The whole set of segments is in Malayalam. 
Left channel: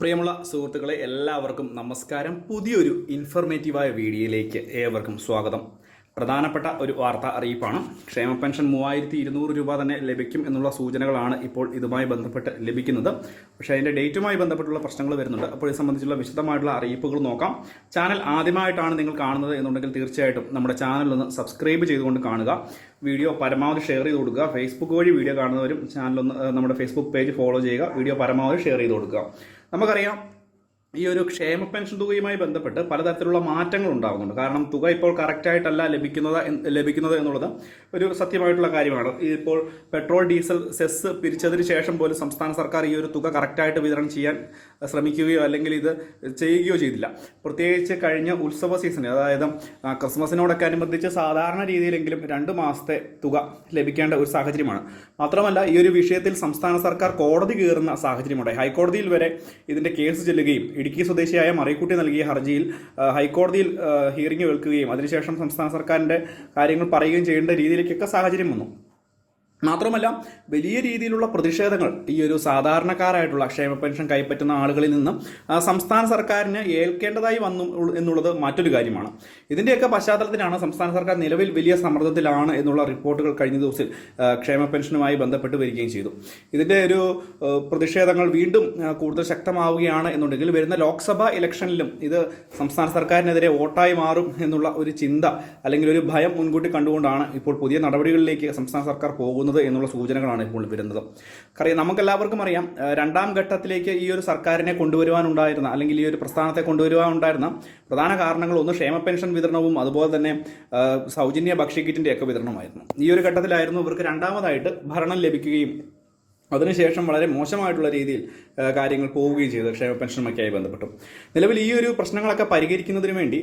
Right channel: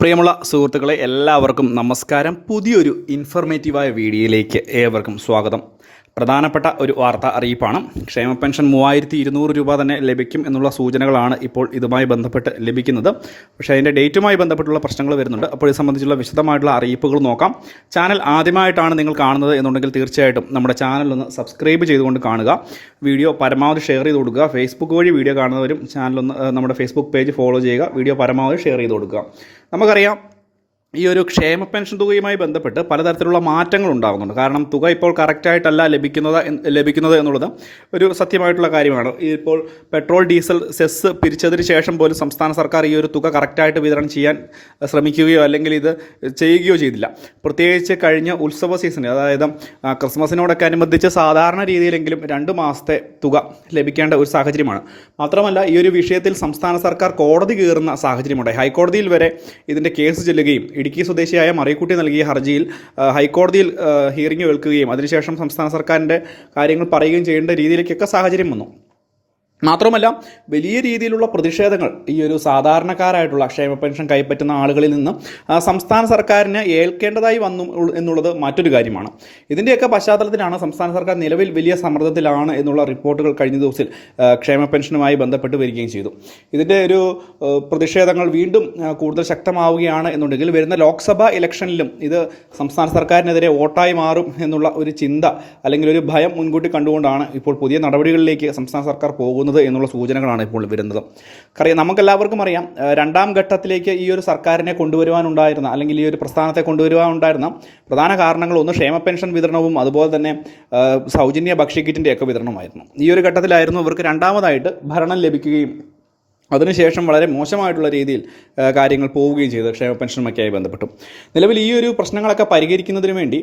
പ്രിയമുള്ള സുഹൃത്തുക്കളെ എല്ലാവർക്കും നമസ്കാരം. പുതിയൊരു ഇൻഫർമേറ്റീവായ വീഡിയോയിലേക്ക് ഏവർക്കും സ്വാഗതം. പ്രധാനപ്പെട്ട ഒരു വാർത്ത അറിയിപ്പാണ്. ക്ഷേമ പെൻഷൻ മൂവായിരത്തി ഇരുന്നൂറ് രൂപ തന്നെ ലഭിക്കും എന്നുള്ള സൂചനകളാണ് ഇപ്പോൾ ഇതുമായി ബന്ധപ്പെട്ട് ലഭിക്കുന്നത്. പക്ഷേ അതിന്റെ ഡേറ്റുമായി ബന്ധപ്പെട്ടുള്ള പ്രശ്നങ്ങൾ വരുന്നുണ്ട്. അപ്പോൾ ഇത് സംബന്ധിച്ചുള്ള വിശദമായിട്ടുള്ള അറിയിപ്പുകൾ നോക്കാം. ചാനൽ ആദ്യമായിട്ടാണ് നിങ്ങൾ കാണുന്നത് എന്നുണ്ടെങ്കിൽ തീർച്ചയായിട്ടും നമ്മുടെ ചാനൽ ഒന്ന് സബ്സ്ക്രൈബ് ചെയ്തുകൊണ്ട് കാണുക. വീഡിയോ പരമാവധി ഷെയർ ചെയ്ത് കൊടുക്കുക. ഫേസ്ബുക്ക് വഴി വീഡിയോ കാണുന്നവരും ചാനലൊന്ന് നമ്മുടെ ഫേസ്ബുക്ക് പേജ് ഫോളോ ചെയ്യുക. വീഡിയോ പരമാവധി ഷെയർ ചെയ്ത് കൊടുക്കുക. നമുക്കറിയാം ഈ ഒരു ക്ഷേമ പെൻഷൻ തുകയുമായി ബന്ധപ്പെട്ട് പലതരത്തിലുള്ള മാറ്റങ്ങൾ ഉണ്ടാകുന്നുണ്ട് കാരണം തുക ഇപ്പോൾ കറക്റ്റായിട്ടല്ല ലഭിക്കുന്നത് ലഭിക്കുന്നത് എന്നുള്ളത് ഒരു സത്യമായിട്ടുള്ള കാര്യമാണ്. ഇപ്പോൾ പെട്രോൾ ഡീസൽ സെസ് പിരിച്ചതിന് ശേഷം പോലും സംസ്ഥാന സർക്കാർ ഈ ഒരു തുക കറക്റ്റായിട്ട് വിതരണം ചെയ്യാൻ ശ്രമിക്കുകയോ അല്ലെങ്കിൽ ഇത് ചെയ്യുകയോ ചെയ്തില്ല. പ്രത്യേകിച്ച് കഴിഞ്ഞ ഉത്സവ സീസണിൽ അതായത് ക്രിസ്മസിനോടൊക്കെ അനുബന്ധിച്ച് സാധാരണ രീതിയിലെങ്കിലും രണ്ട് മാസത്തെ തുക ലഭിക്കേണ്ട ഒരു സാഹചര്യമാണ്. മാത്രമല്ല ഈ ഒരു വിഷയത്തിൽ സംസ്ഥാന സർക്കാർ കോടതി കയറുന്ന സാഹചര്യമുണ്ടായി ഹൈക്കോടതിയിൽ വരെ ഇതിന്റെ കേസ് ചെല്ലുകയും ഇടുക്കി സ്വദേശിയായ മറിയക്കുട്ടി നൽകിയ ഹർജിയിൽ ഹൈക്കോടതിയിൽ ഹിയറിംഗ് കേൾക്കുകയും അതിനുശേഷം സംസ്ഥാന സർക്കാരിന്റെ കാര്യങ്ങൾ പറയുകയും ചെയ്യേണ്ട രീതിയിലേക്കൊക്കെ സാഹചര്യം വന്നു. മാത്രമല്ല വലിയ രീതിയിലുള്ള പ്രതിഷേധങ്ങൾ ഈ ഒരു സാധാരണക്കാരായിട്ടുള്ള ക്ഷേമ പെൻഷൻ കൈപ്പറ്റുന്ന ആളുകളിൽ നിന്ന് സംസ്ഥാന സർക്കാരിന് ഏൽക്കേണ്ടതായി വന്നു എന്നുള്ളത് മറ്റൊരു കാര്യമാണ്. ഇതിന്റെയൊക്കെ പശ്ചാത്തലത്തിലാണ് സംസ്ഥാന സർക്കാർ നിലവിൽ വലിയ സമ്മർദ്ദത്തിലാണ് എന്നുള്ള റിപ്പോർട്ടുകൾ കഴിഞ്ഞ ദിവസത്തിൽ ക്ഷേമ പെൻഷനുമായി ബന്ധപ്പെട്ട് വരികയും ചെയ്തു. ഇതിന്റെ ഒരു പ്രതിഷേധങ്ങൾ വീണ്ടും കൂടുതൽ ശക്തമാവുകയാണ് എന്നുണ്ടെങ്കിൽ വരുന്ന ലോക്സഭാ ഇലക്ഷനിലും ഇത് സംസ്ഥാന സർക്കാരിനെതിരെ വോട്ടായി മാറും എന്നുള്ള ഒരു ചിന്ത അല്ലെങ്കിൽ ഒരു ഭയം മുൻകൂട്ടി കണ്ടുകൊണ്ടാണ് ഇപ്പോൾ പുതിയ നടപടികളിലേക്ക് സംസ്ഥാന സർക്കാർ പോകുന്നത്. എന്നുള്ള സൂചനകളാണ് ഇപ്പോൾ വരുന്നത്. കാരണം നമുക്കെല്ലാവർക്കും അറിയാം രണ്ടാം ഘട്ടത്തിലേക്ക് ഈ ഒരു സർക്കാരിനെ കൊണ്ടുവരുവാനുണ്ടായിരുന്ന അല്ലെങ്കിൽ ഈ ഒരു പ്രസ്ഥാനത്തെ കൊണ്ടുവരുവാനുണ്ടായിരുന്ന പ്രധാന കാരണങ്ങൾ ഒന്ന് ക്ഷേമ പെൻഷൻ വിതരണവും അതുപോലെ തന്നെ സൗജന്യ ഭക്ഷ്യക്കിറ്റിന്റെ ഒക്കെ വിതരണമായിരുന്നു. ഈ ഒരു ഘട്ടത്തിലായിരുന്നു ഇവർക്ക് രണ്ടാമതായിട്ട് ഭരണം ലഭിക്കുകയും അതിനുശേഷം വളരെ മോശമായിട്ടുള്ള രീതിയിൽ കാര്യങ്ങൾ പോവുകയും ചെയ്തു. ക്ഷേമ പെൻഷനുമൊക്കെയായി ബന്ധപ്പെട്ടു. നിലവിൽ ഈ ഒരു പ്രശ്നങ്ങളൊക്കെ പരിഹരിക്കുന്നതിന് വേണ്ടി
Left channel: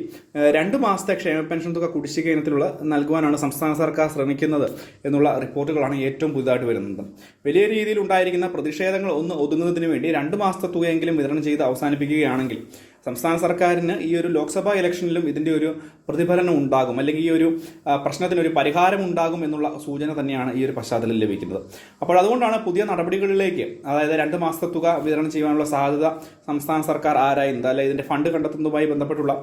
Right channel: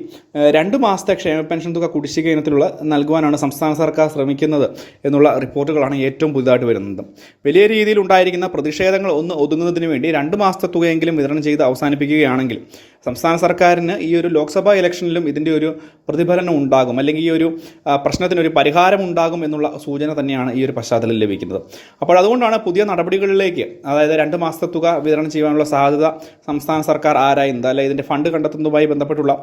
രണ്ട് മാസത്തെ ക്ഷേമ പെൻഷൻ തുക കുടിശ്ശിക ഇനത്തിലുള്ള നൽകുവാനാണ് സംസ്ഥാന സർക്കാർ ശ്രമിക്കുന്നത് എന്നുള്ള റിപ്പോർട്ടുകളാണ് ഏറ്റവും പുതുതായിട്ട് വരുന്നത്. വലിയ രീതിയിൽ ഉണ്ടായിരിക്കുന്ന പ്രതിഷേധങ്ങൾ ഒന്ന് ഒതുങ്ങുന്നതിന് വേണ്ടി രണ്ട് മാസത്തെ തുകയെങ്കിലും വിതരണം ചെയ്ത് അവസാനിപ്പിക്കുകയാണെങ്കിൽ സംസ്ഥാന സർക്കാരിന് ഈ ഒരു ലോക്സഭാ ഇലക്ഷനിലും ഇതിന്റെ ഒരു പ്രതിഫലനം ഉണ്ടാകും. അല്ലെങ്കിൽ ഈ ഒരു പ്രശ്നത്തിന് പ്രശ്നത്തിനൊരു പരിഹാരം ഉണ്ടാകും എന്നുള്ള സൂചന തന്നെയാണ് ഈ ഒരു പശ്ചാത്തലത്തിൽ ലഭിക്കുന്നത്. അപ്പോൾ അതുകൊണ്ടാണ് പുതിയ നടപടികളിലേക്ക് അതായത് രണ്ട് മാസത്തെ തുക വിതരണം ചെയ്യാനുള്ള സാധ്യത സംസ്ഥാന സർക്കാർ ആരായുന്നത്? അല്ലെ ഇതിന്റെ ഫണ്ട് കണ്ടെത്തുന്നതുമായി ബന്ധപ്പെട്ടുള്ള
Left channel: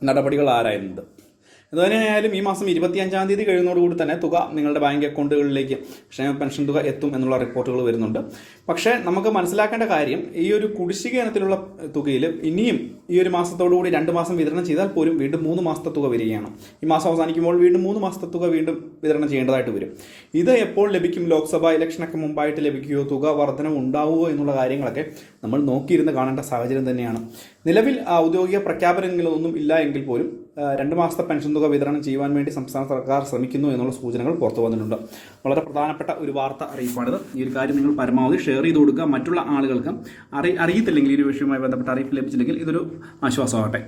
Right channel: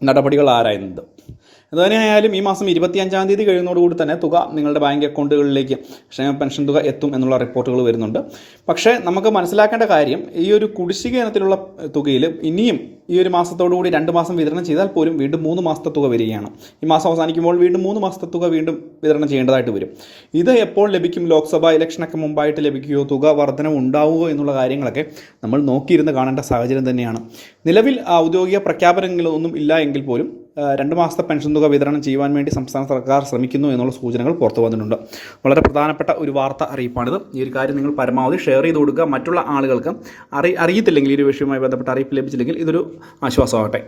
നടപടികൾ ആരായുന്നത്? എന്തുതന്നെയായാലും ഈ മാസം ഇരുപത്തിയഞ്ചാം തീയതി കഴിയുന്നതോടുകൂടി തന്നെ തുക നിങ്ങളുടെ ബാങ്ക് അക്കൗണ്ടുകളിലേക്ക് ക്ഷേമ പെൻഷൻ തുക എത്തും എന്നുള്ള റിപ്പോർട്ടുകൾ വരുന്നുണ്ട്. പക്ഷേ നമുക്ക് മനസ്സിലാക്കേണ്ട കാര്യം ഈ ഒരു കുടിശ്ശിക ഇനത്തിലുള്ള തുകയിൽ ഇനിയും ഈ ഒരു മാസത്തോടുകൂടി രണ്ട് മാസം വിതരണം ചെയ്താൽ പോലും വീണ്ടും മൂന്ന് മാസത്തെ തുക വരികയാണ്. ഈ മാസം അവസാനിക്കുമ്പോൾ വീണ്ടും മൂന്ന് മാസത്തെ തുക വീണ്ടും വിതരണം ചെയ്യേണ്ടതായിട്ട് വരും. ഇത് എപ്പോൾ ലഭിക്കും? ലോക്സഭാ ഇലക്ഷനൊക്കെ മുമ്പായിട്ട് ലഭിക്കുകയോ തുക വർധനവ് ഉണ്ടാവുമോ എന്നുള്ള കാര്യങ്ങളൊക്കെ നമ്മൾ നോക്കിയിരുന്ന് കാണേണ്ട സാഹചര്യം തന്നെയാണ്. നിലവിൽ ഔദ്യോഗിക പ്രഖ്യാപനങ്ങളൊന്നും ഇല്ല എങ്കിൽ പോലും രണ്ട് മാസത്തെ പെൻഷൻ തുക വിതരണം ചെയ്യുവാൻ വേണ്ടി സംസ്ഥാന സർക്കാർ ശ്രമിക്കുന്നു എന്നുള്ള സൂചനകൾ പുറത്തു വന്നിട്ടുണ്ട്. വളരെ പ്രധാനപ്പെട്ട ഒരു വാർത്ത അറിയിപ്പാണിത്. ഈ ഒരു കാര്യം നിങ്ങൾ പരമാവധി ഷെയർ ചെയ്ത് കൊടുക്കുക. മറ്റുള്ള ആളുകൾക്ക് അറി അറിയത്തില്ലെങ്കിൽ ഈ ഒരു വിഷയവുമായി ബന്ധപ്പെട്ട അറിയിപ്പ് ലഭിച്ചില്ലെങ്കിൽ ഇതൊരു ആശ്വാസമാകട്ടെ.